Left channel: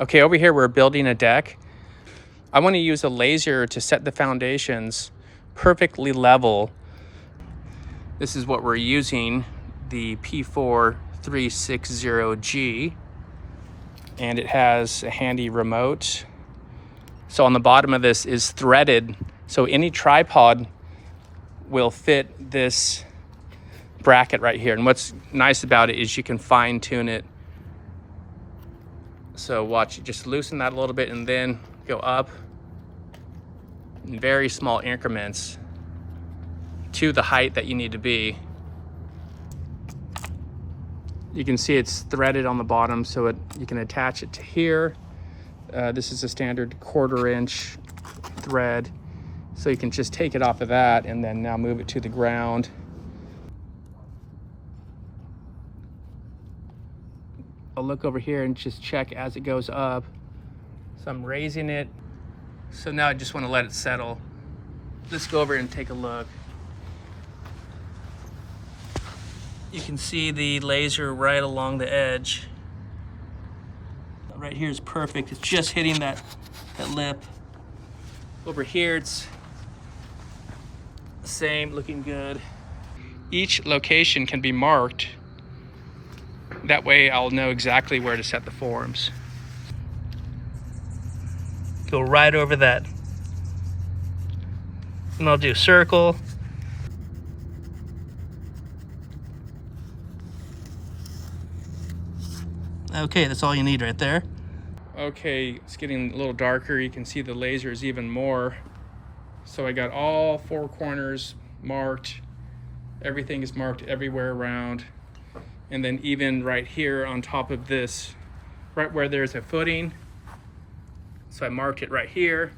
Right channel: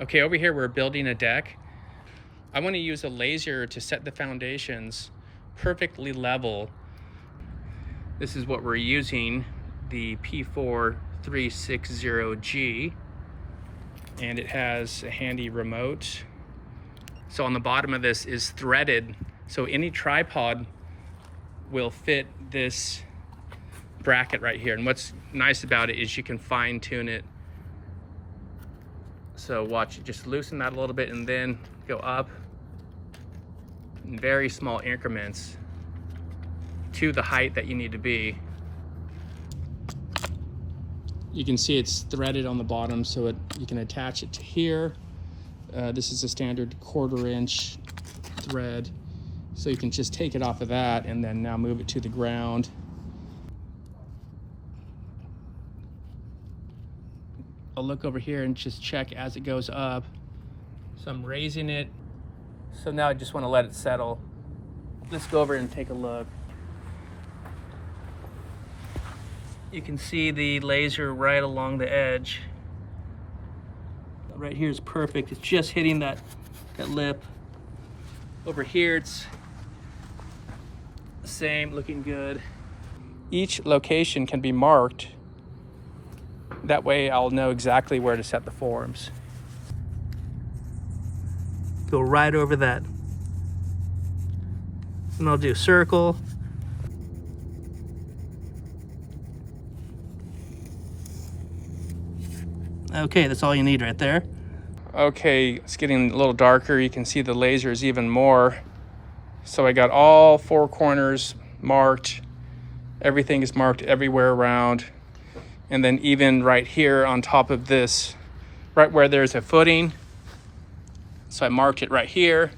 Okay, over here we're building a deck. I want to use a laser to set the foundations perfectly level. This is what we're using, the P4-360G, and it has a handy remote. So on the bottom of this is threaded, so any tripod will fit this bracket right here. And what's nice about it is you can fine tune it. So watch, just loosen that a little bit and then go up in very small increments to the height that you need to be. You can see it's threaded on the bottom, so you can attach it to here. This is a standard 1/4 inch thread. So you can just take it off of that and then now move it to the ground. I'll look over here and just check as it goes up. So I'm raising it. So now I just want to let it settle. Let's go over and take a look. You can see the laser right along the edge. Right here is perfect. It's just hitting that lip. Over here it's the same, looking good. Each location can be marked. That way I'll know exactly where to set the forms. Go right over that. And I'll do circle. Okay, that's all you need right there. Okay, it's getting a little darker. You can see the laser is even more. So I got all 4 corners marked. Everything is marked everywhere around. And then even right here on top of this, right where there's a footing. So I marked it right here.